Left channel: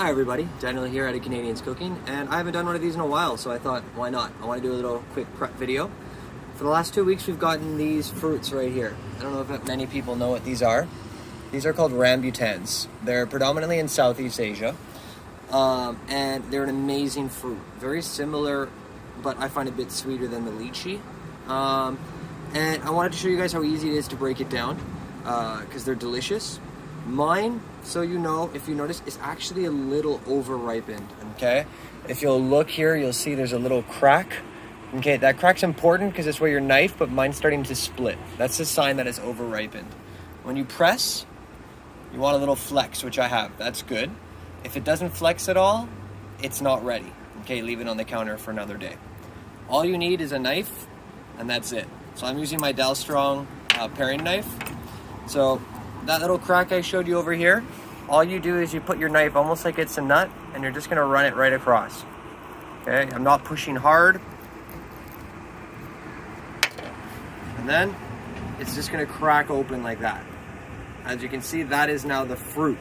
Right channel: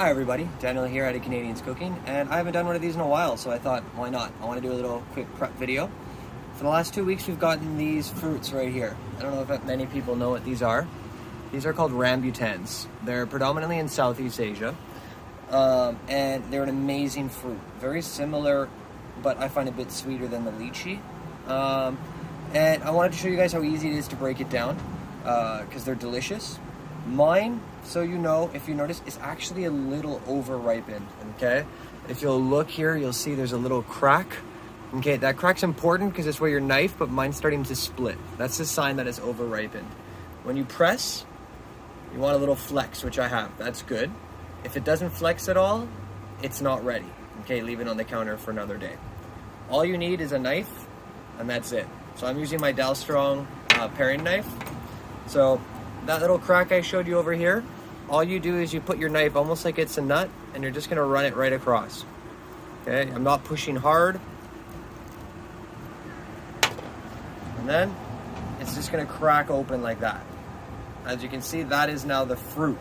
Hi everybody, Daniel here at Canadians Cooking, and I haven't done one of these in a while, so I thought, why not? I want to do a little quick prep video. For the last 2 weeks, we've gotten these fruits right here. I don't know if many people know what these are. These are called rambutans. They're predominantly in Southeast Asia, and they're an amazing fruit. Very similar, but I find a bit sweeter than the lychee. And I wanted to show you guys how easy it is to break it down, because they're delicious. Mine, so you know, if you notice, is actually a little over-ripened, okay? If you'll look here, you'll see there's a little crack. Okay, that crack's important because it's where your knife, but mine's starting to split. That's a sign that it's over-ripened. When you press, you want a little flex, which I have. That's good. If it doesn't flex at all, it's not ready. Okay, leave it on the counter for another day. All you need is a knife, and that's it. So I'm using my Dalstrong paring knife. So that little crack I showed you over here, all you do is you put your knife almost like it's a nut, and you're just gonna run it right across. Okay, I'm not pushing hard. And then it's just gonna crack open like that. As you can see, that is now the fruit.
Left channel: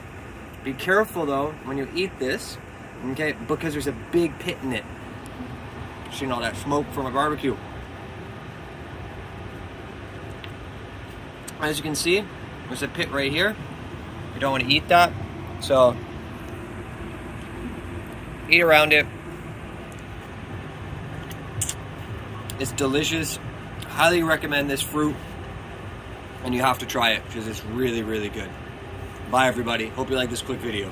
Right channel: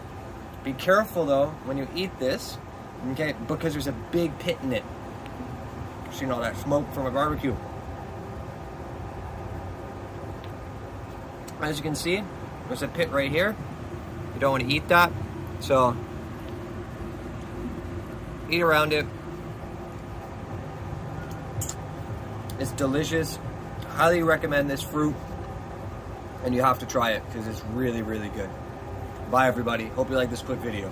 Be careful though when you eat this, okay, because there's a big pit in it. Seeing all that smoke from a barbecue. As you can see, there's a pit right here. You don't want to eat that, so eat around it. It's delicious. Highly recommend this fruit, and you have to try it because it's really, really good. Bye everybody. Hope you like this quick video.